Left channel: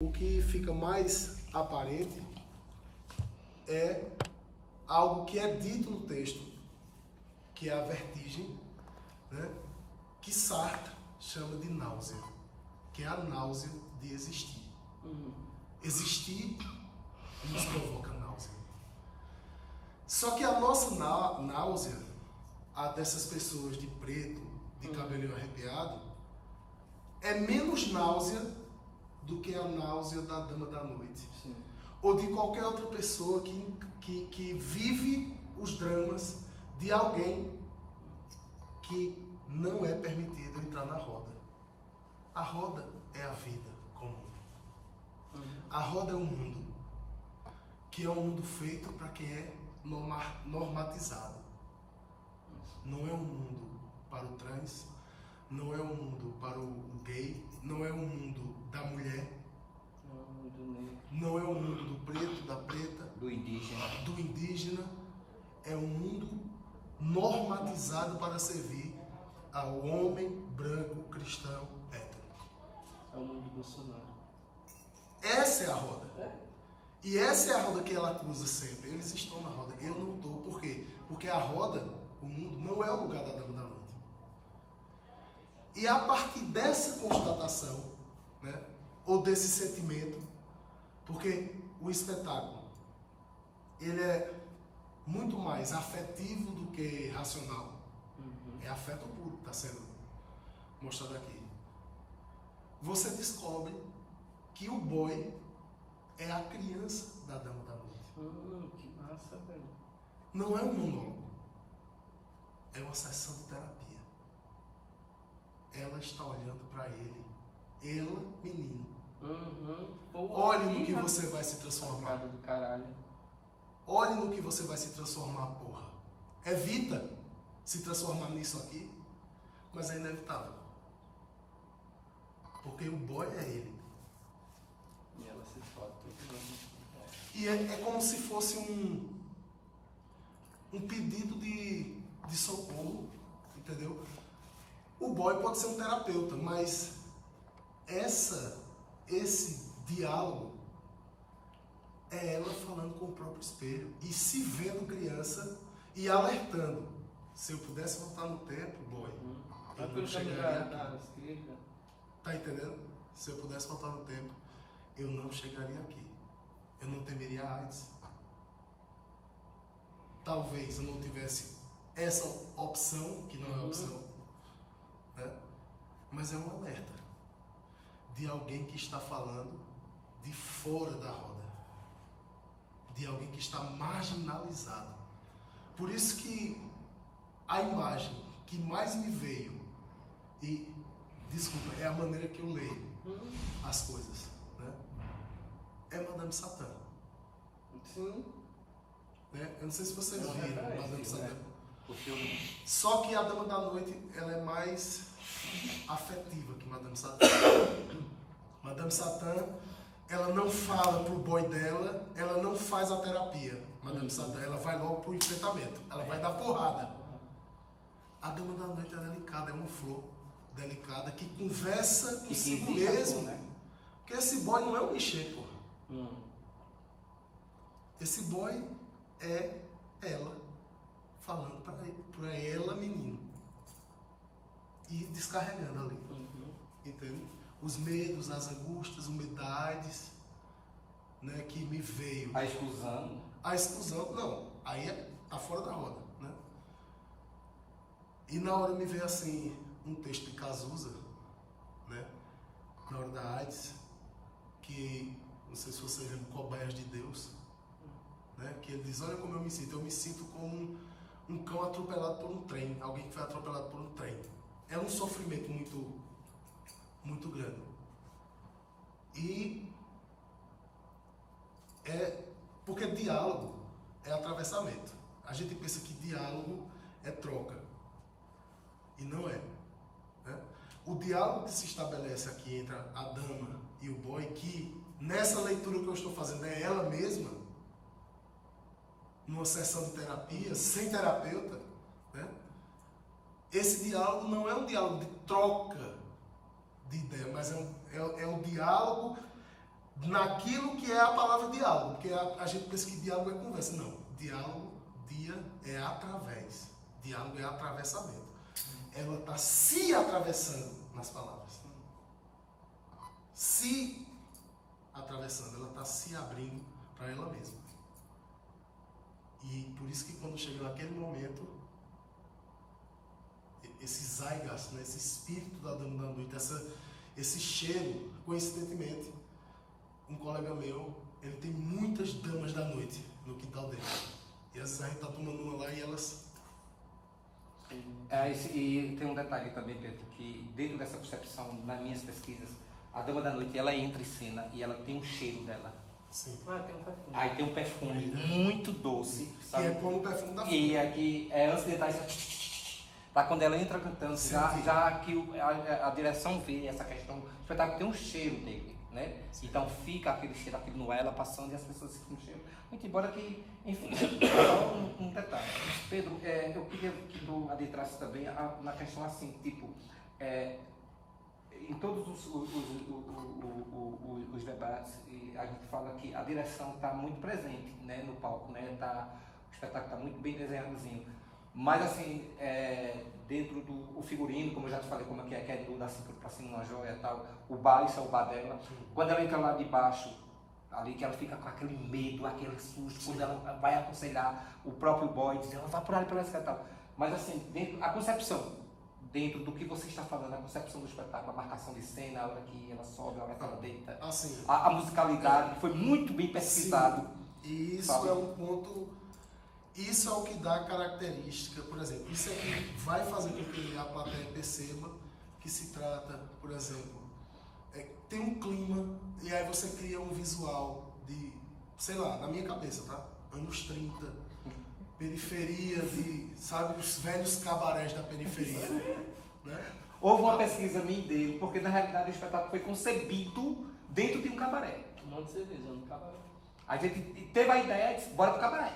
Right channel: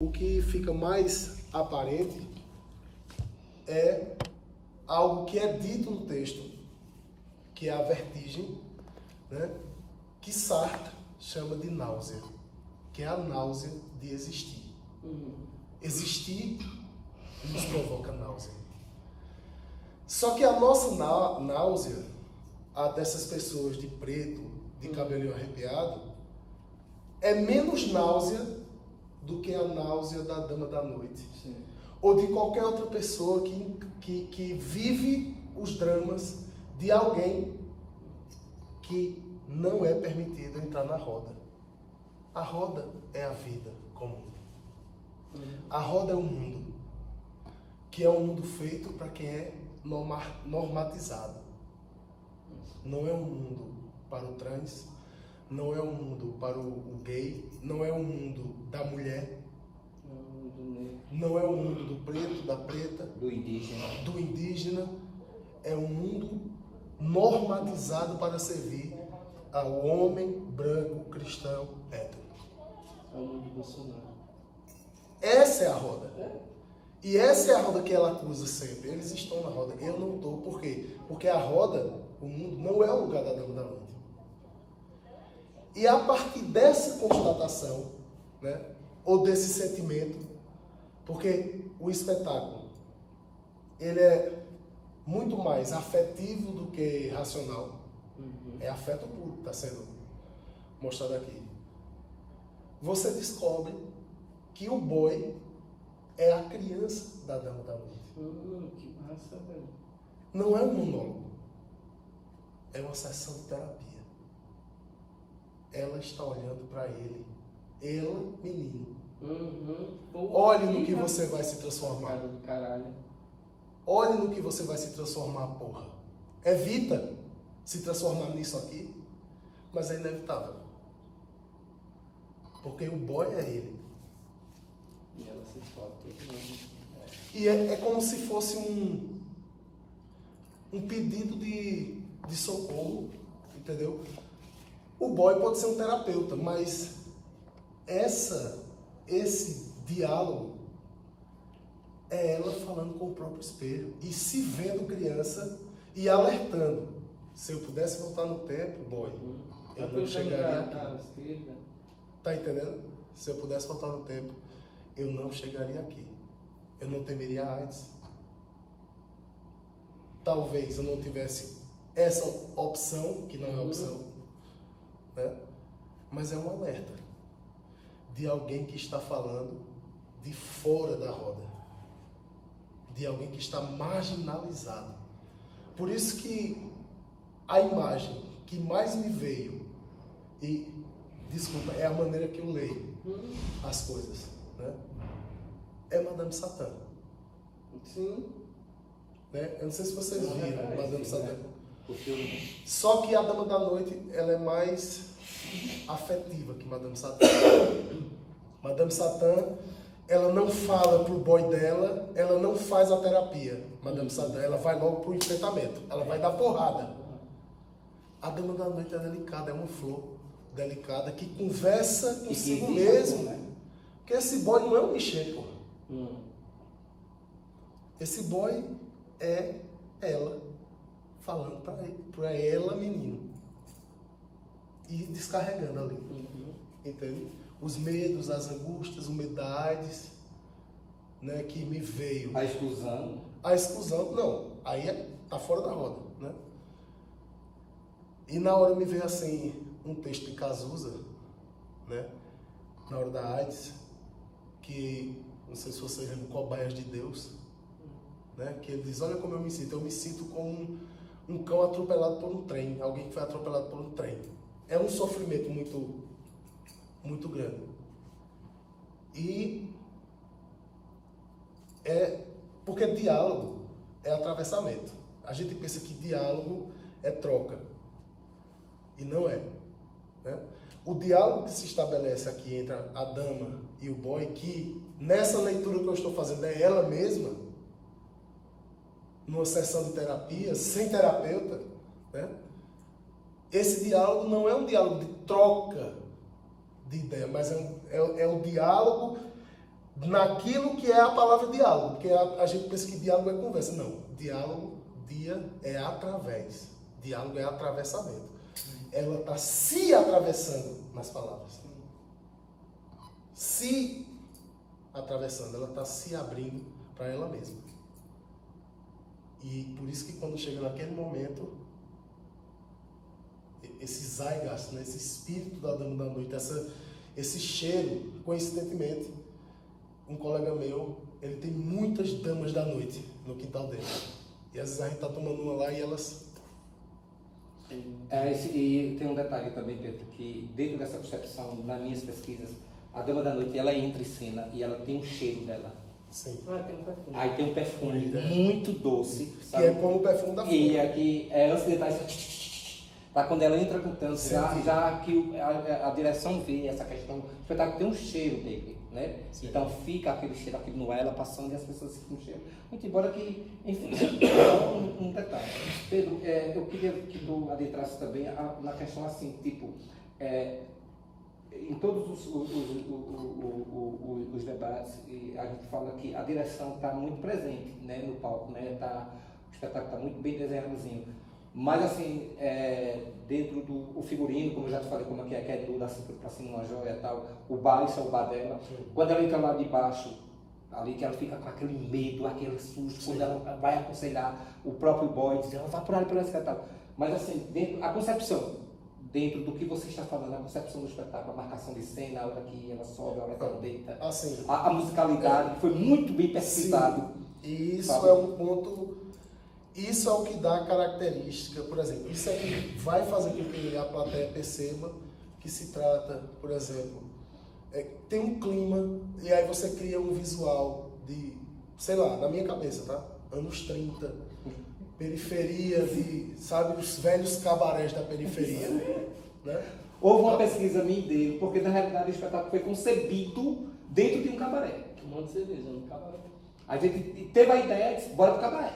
O que fica mais aparente é algo que é dito no texto, que é a vertigem, né? Que Sartre chama de náusea, que é a náusea de existir. Existir nos provoca náusea. Só que a nossa náusea, a dessas pessoas de preto, de cabelinho arrepiado, é menos náusea do que a náusea da dama da noite. Sim. Ou de qualquer outra pessoa que vive os dramas de alguém que não é permitido entrar na roda. A roda é a vida comum. A roda é um mundo, que é um mundo feito para quem é normatizado. Não é um mundo para o trans, não é um mundo para o gay, não é um mundo da mulher, não é um mundo do preto, da preta, do indígena. É um mundo normatizado para servir ao homem branco, cristão, hétero. É o mundo do Bolsonaro. Essa é a roda. E essa é a roda que ela acusa sempre. Eles estão na roda. Eu não estou. Por quê? Porque a roda, o mundo, não é o lugar da dama da noite. E a partir dessa constatação, né, ou desse sentimento, porque o espetáculo, ele é muito mais afetivo do que racional. É afeto puro que está sendo mostrado aqui. Você descobre que o boy é a criança da dama da noite. Que massa, velho. Não é um monólogo. É uma sessão de terapia. Ela está olhando para ele. Ela, menino. Olhe no que você vai se transformar. Do caralho. Olhe no que você vai se transformar, porra. Evita se transformar nisso aqui, mas é inevitável. Porque o boy é ele. E ela se fode todo mundo. E é como se fosse um pedido de socorro, entendeu? O boy pode ser um terapeuta, mas esse diálogo é ela falando com o próprio espelho e se vendo criança e alertando. Se eu pudesse voltar no tempo, boy, eu não chegaria aqui. Tá entendendo? Se eu pudesse voltar no tempo, eu não chegaria aqui. Eu não temeria a AIDS. Talvez eu não tivesse essa opção, que não é opção, né? Mas é um alerta de alguém que está falando de fora da roda, de alguém que está marginalizado. Por isso que a imagem que mais me veio, e desculpa, é a maneira que eu leio as coisas, né? É Madame Satã. Sim. Né? Eu não sei se vocês viram Madame Satã. O filme. Só que a Dama da Noite, ela é mais afetiva que Madame Satã. Madame Satã, ela não fala pro boy dela, ela não faz a terapia. Madame Satã, ela vai logo pro enfrentamento. Ela vai dar porrada. A Dama da Noite é delicada, é uma flor delicada que conversa consigo mesmo. Né? Porque esse boy não é um Michel, porra. Esse boy é ela falando pra ela, menino, e descarregando ali, entende? Os medos, as angústias, o medo da AIDS, né, que me veio. A exclusão. A exclusão, não, aí tá fora da roda, né? E na hora me veio assim um texto de Cazuza, né, na hora da AIDS, que não sei se vocês lembram, Cobaias de Deus, né? Que ele diz, olha como eu me sinto como um cão atropelado por um trem, alguém que foi atropelado por um trem. É um sofrimento muito, muito grande. E porque diálogo é atravessamento. A gente pensa que diálogo é troca, e não é, né? O diálogo que se estabelece aqui entre a dama e o boy, que nessa leitura que eu estou fazendo é ela mesma, numa sessão de terapia, sem terapeuta, né? Esse diálogo não é um diálogo de troca de ideia, mas é o diálogo naquilo que é a palavra diálogo, porque a gente pensa que diálogo é conversa. Não, diálogo, é através. Diálogo é atravessamento. Ela está se atravessando nas palavras. Se atravessando, ela está se abrindo para ela mesma. E por isso que quando chega naquele momento, esse zeitgeist, né, esse espírito da Dama da Noite, esse cheiro, coincidentemente, um colega meu, ele tem muitas damas da noite no quintal dele. E às vezes a gente está tomando uma lá e elas... E tem um detalhe também, Pedro, que dentro dessa percepção, nas minhas pesquisas, a Dama da Noite, ela entra em cena e ela tem um cheiro dela. Sim. Tem um perfume. Aí tem um perfume muito doce, sabe? Que é como o perfume da flor. E aqui, antes de entrar, tá, quando ela entra cantando, já que a direção vê essa questão, o espetáculo tem um cheiro dele, né? Sim. Então fica aquele cheiro, aquele no ela passando e as pessoas sentem o cheiro. Muito embora que, enfim, só um detalhe. Pedro, eu queria que tu adentrasse também na questão assim, tipo, em todos os debates, a gente fala que a direção está muito presente, né, no palco, né, o espetáculo está muito bem desenhadozinho. Mas assim, dentro do figurino, como eu já te falei, como é que é da cintura para cima, uma joia e tal, o bar, isso é o bar dela. Quando ela entra lá de baixo, ali que ela fica com aquele medo, aquele susto, quando ela vai aconselhar o próprio boy, diz, ela vai por ali pela escada e tal. Mas assim, a concepção, dentro do que você está falando, a concepção do espetáculo, a marcação de cena, a hora que ela sobe, a hora que ela deita, assim, a musicalidade, foi muito bem pesquisado. E isso sabe? é um ponto, isso é o que dá característica, por exemplo, isso é que vai fazer com que a plateia perceba que se trata, por exemplo, tem um clima, e aí você cria um visual de, sei lá, na minha cabeça, tá? Anos 30, periferia sabe, os velhos cabarés da periferia, né? Houve uma pesquisa minha dele, porque na realidade o espetáculo foi concebido dentro de um cabaré. Um monte de cerveja no cabaré. A gente teve a ideia de bora pro cabaré.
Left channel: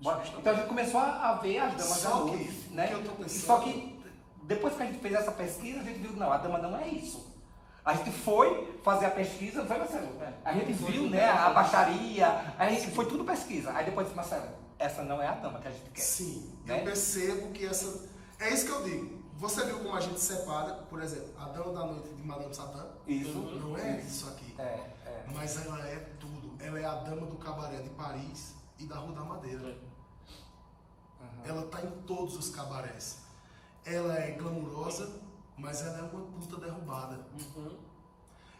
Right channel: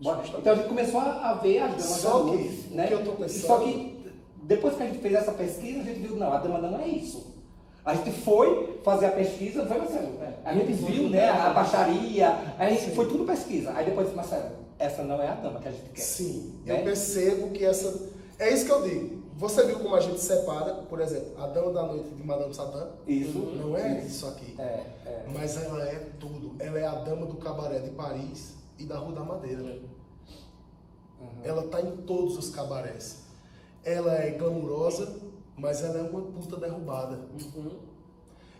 Então a gente começou a ver as damas Só da que, noite, o né? que eu tô pensando- Só que depois que a gente fez essa pesquisa, a gente viu, não, a dama não é isso. A gente foi fazer a pesquisa, foi, Marcelo? A gente viu, né, a baixaria, a gente foi tudo pesquisa. Aí depois disse, Marcelo, essa não é a dama que a gente quer. Sim, né? eu percebo que essa... É isso que eu digo. Você viu como a gente separa, por exemplo, a Dama da Noite de Madame Satã? Isso. Não é isso aqui. É. Mas ela é tudo. Ela é a Dama do Cabaré de Paris e da Rua da Madeira. Uhum. Ela está em todos os cabarés. Ela é glamurosa, mas ela é uma puta derrubada.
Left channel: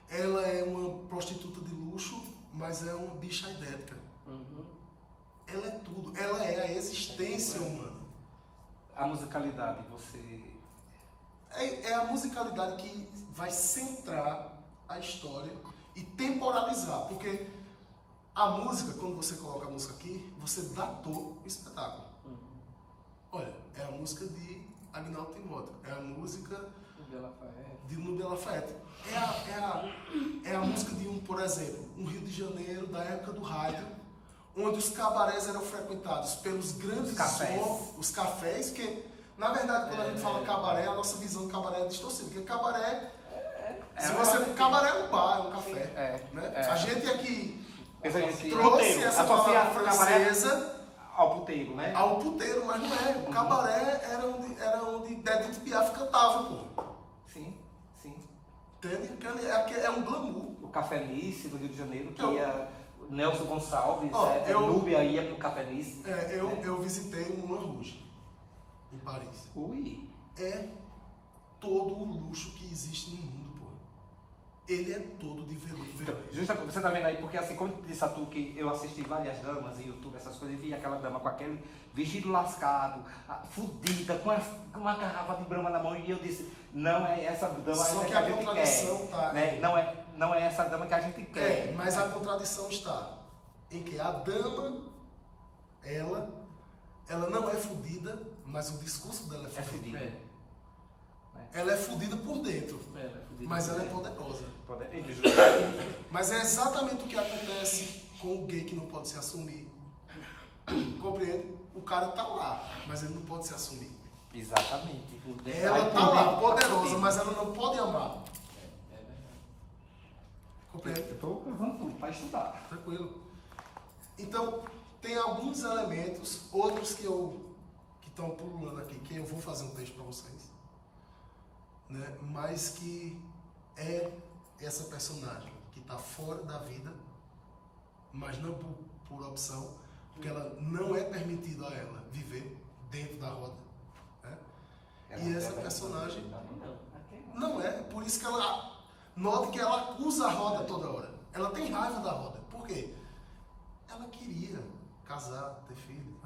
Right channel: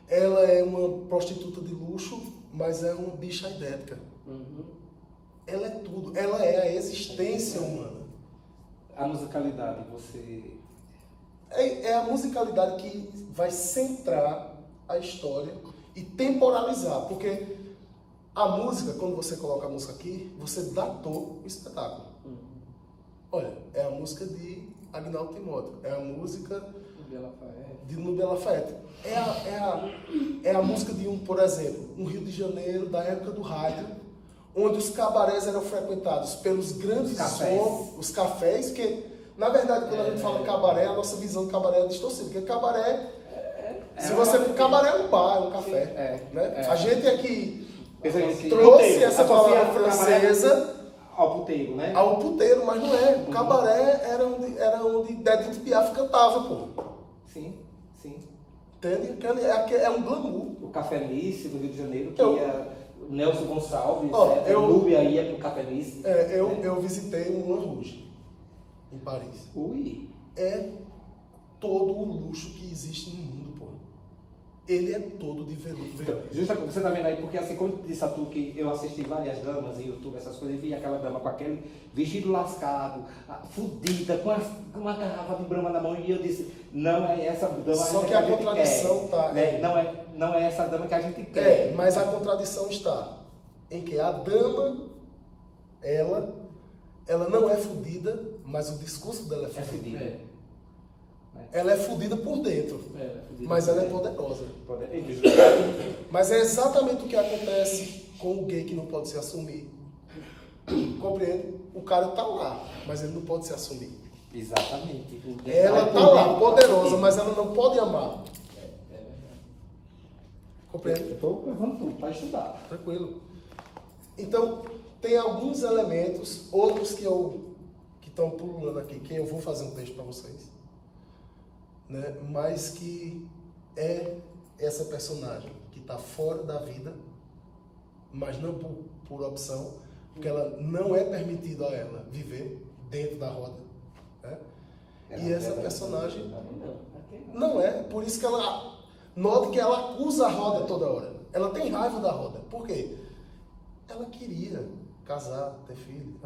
Ela é uma prostituta de luxo, mas é uma bicha idética. Ela é tudo. Ela é a existência humana. A musicalidade, você... É a musicalidade que vai centrar a história e temporalizar. Porque a música, quando você coloca a música aqui, você datou o espetáculo. Olha, é a música de Agnaldo Timóteo. É a música de Nubia Lafayette. É a música de por exemplo, um Rio de Janeiro, da época do rádio, onde os cabarés eram frequentados pelos grandes homens, os cafés, que, na verdade, quando a gente fala cabaré, a nossa visão do cabaré é distorcida, porque cabaré, se você for cabaré, é um bar, é um café. Né? A gente aqui trouxe essa palavra francesa ao puteiro, né? Ao puteiro, mas não é. O cabaré era onde Edith Piaf cantava, pô. Sim. Entende? É um glamour. O Café Nice do Rio de Janeiro, que Eu- ia Nelson Gonçalves, Núbia ia pro Café Nice. Eu visitei o Moulin Rouge, em Paris. Ui. É todo o luxo que existe no mundo, pô. Ele é todo de veludo. Então, justamente, você tá vendo aí, porque assim, como eu disse a tu que eu assisti várias damas em YouTube, essas coisas, e vi aquela dama com aquele vestido lascado, fudida, com uma garrafa de brama na mão, e eu disse, não é essa dama Só que a a gente contradição quer, tá... né? Não é essa dama que a gente quer. mas a contradição está em que a dama, ela não é fudida, mas o discurso dela é É fudido. fudida. Ela é fudida por dentro, mas ela é poderosa. Mas é exatamente o que acontece com o gay que não pode se assumir. Compreende? O cara tá lá, mas ele não pode se assumir. Exatamente. Ela tá lá, poderosa, mas ela não pode amar. Compreende? Eu estou levando tudo para estudar. Tranquilo. Então, tem alguns elementos, outros que estão pulando aqui, que eu vou fazer um texto para vocês, né? Mas que é essa personagem que está fora da vida, mas não por opção, porque ela não é permitido a ela viver dentro da roda, né? E essa personagem não é, por isso que ela note que ela acusa a roda toda hora. Ela tem raiva da roda. Por quê? Ela queria casar, ter filho.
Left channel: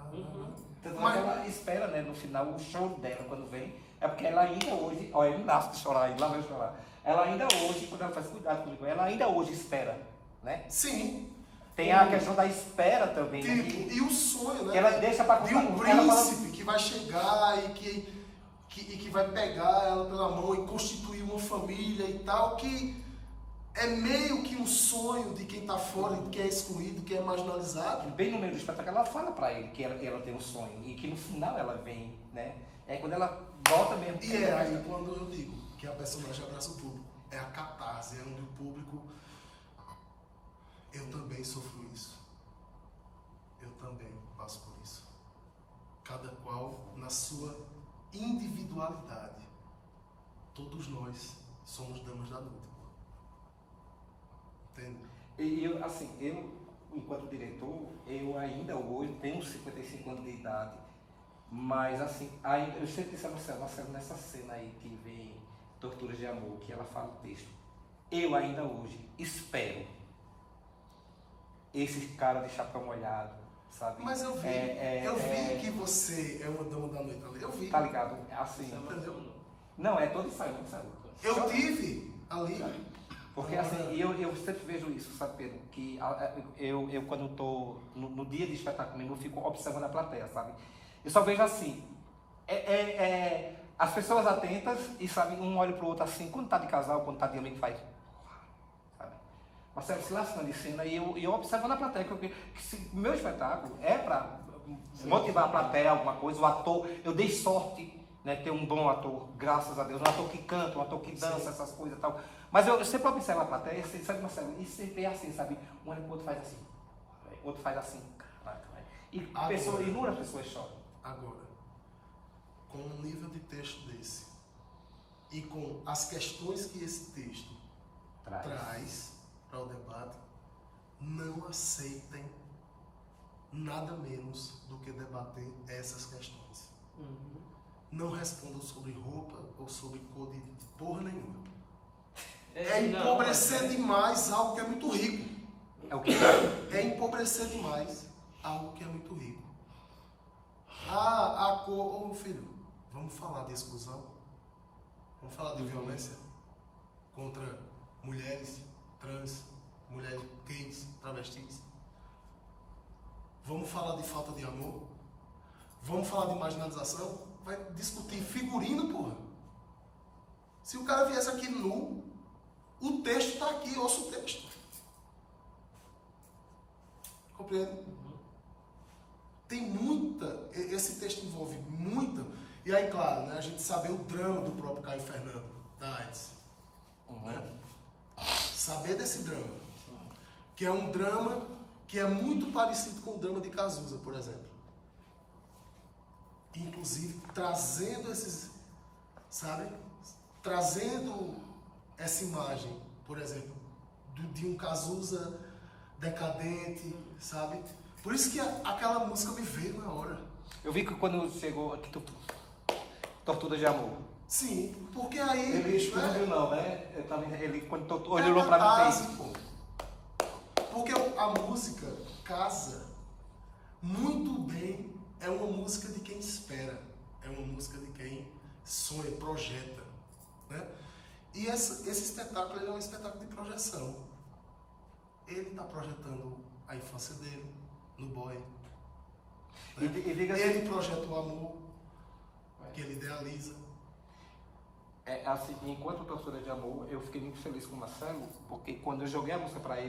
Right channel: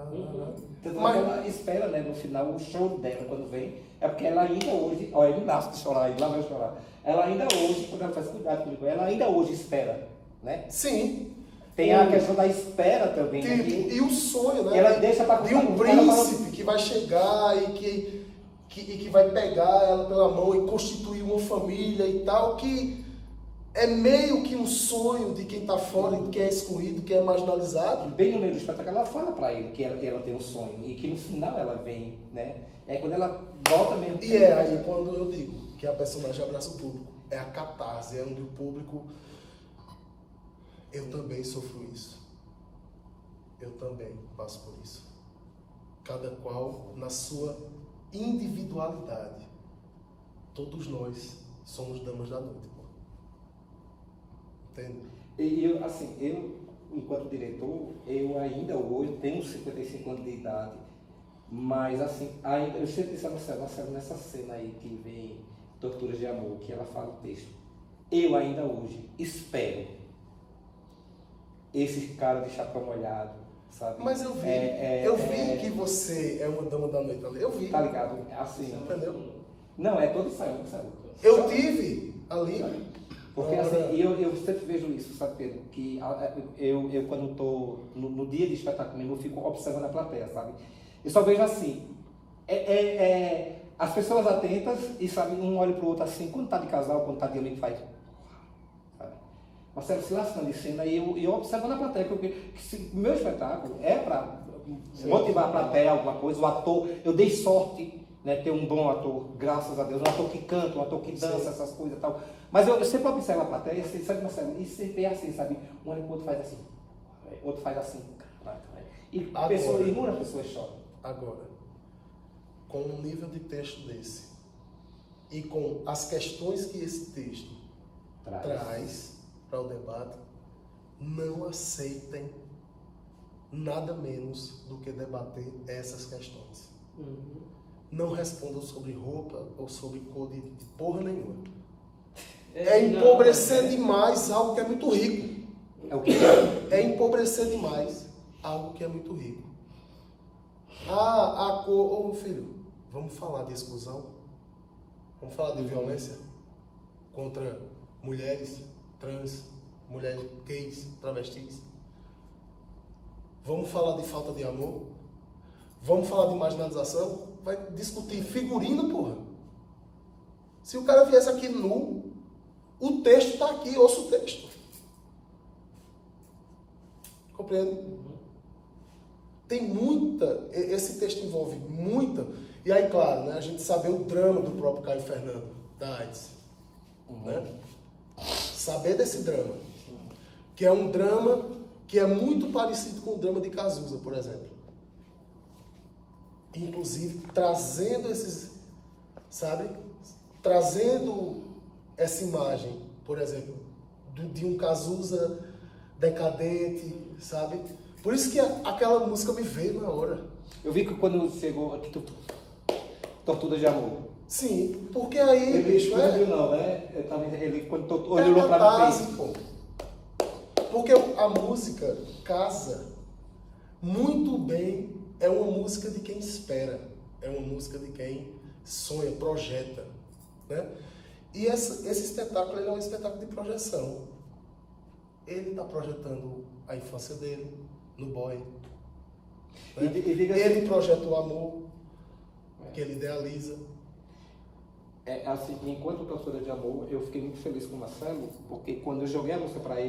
Mas ela espera, né, no final, o choro dela quando vem, é porque ela ainda hoje, olha, ele nasce de chorar, ele lá vai chorar. Ela ainda hoje, quando ela faz cuidado comigo, ela ainda hoje espera, né? Sim. Tem a questão da espera também, né? E o sonho, né? Ela deixa para de um príncipe que vai chegar e que vai pegar ela pela mão e constituir uma família e tal, que é meio que um sonho de quem está fora, de quem é excluído, quem é marginalizado. Bem no meio do espetáculo, ela fala para ele que ela tem um sonho e que no final ela vem, né? É quando ela volta mesmo. E é aí quando eu digo que a personagem abraça o público. É a catarse, é onde o público... Eu também sofro isso. Eu também passo por isso. Cada qual na sua individualidade. Todos nós somos damas da noite. Entende? E eu, assim, enquanto diretor, eu ainda hoje tenho 55 anos de idade, mas assim, ainda, eu sempre disse a Marcelo, nessa cena aí que vem Torturas de Amor, que ela fala o texto, eu ainda hoje espero esse cara de chapéu molhado, sabe? Mas eu vi que você é uma dama da noite ali. Eu vi. Tá ligado? Assim. Entendeu? Não, é todo ensaio, não sabe? Eu tive ali. Porque assim, eu sempre vejo isso, sabe, Pedro? Que eu quando estou no dia de espetáculo mesmo, eu fico observando a plateia, sabe? Eu só vejo assim, as pessoas atentas e, sabe, um olha pro outro assim, quando tá de casal, quando tá de amigo, faz... Sabe? Marcelo se lascando de cena e eu observando a plateia, que meu espetáculo é para motivar a plateia, alguma coisa, o ator, eu dei sorte, né, ter um bom ator, graças a Deus, um ator que canta, um ator que dança, essas coisas e tal. Mas eu sempre observo a plateia, assim, sabe, Marcelo? E você vê assim, sabe? Um olha pro outro faz assim, outro faz assim, caraca, velho. E a pessoa, inúmeras pessoas choram. Agora, com um nível de texto desse, e com as questões que esse texto traz para o debate, não aceitem nada menos do que debater essas questões. Não respondam sobre roupa ou sobre cor de porra nenhuma. É empobrecer demais algo que é muito rico. É o quê? É empobrecer demais algo que é muito rico. A cor... Ô, filho, vamos falar de exclusão? Vamos falar de violência contra mulheres trans, mulheres gays, travestis? Vamos falar de falta de amor? Vamos falar de marginalização? Vai discutir figurino, porra. Se o cara viesse aqui nu, o texto está aqui, ouça o texto. Compreende? Tem muita... Esse texto envolve muita... E aí, claro, né, a gente saber o drama do próprio Caio Fernando, da AIDS. Né? Saber desse drama. Que é um drama que é muito parecido com o drama de Cazuza, por exemplo. Inclusive, trazendo esses... Sabe? Trazendo essa imagem, por exemplo, de um Cazuza decadente, sabe? Por isso que aquela música me veio na hora. Eu vi que quando chegou aqui, Tortura de Amor. Sim, porque aí, bicho, não viu não, né? Ele quando olhou pra mim, fez. Pô. Porque a música casa muito bem, é uma música de quem espera, é uma música de quem sonha, projeta, né? E esse espetáculo ele é um espetáculo de projeção. Ele está projetando a infância dele no boy. Né? Ele projeta o amor que ele idealiza. Assim, enquanto Tortura de Amor, eu fiquei muito feliz com o Marcelo, porque quando eu joguei a música para ele,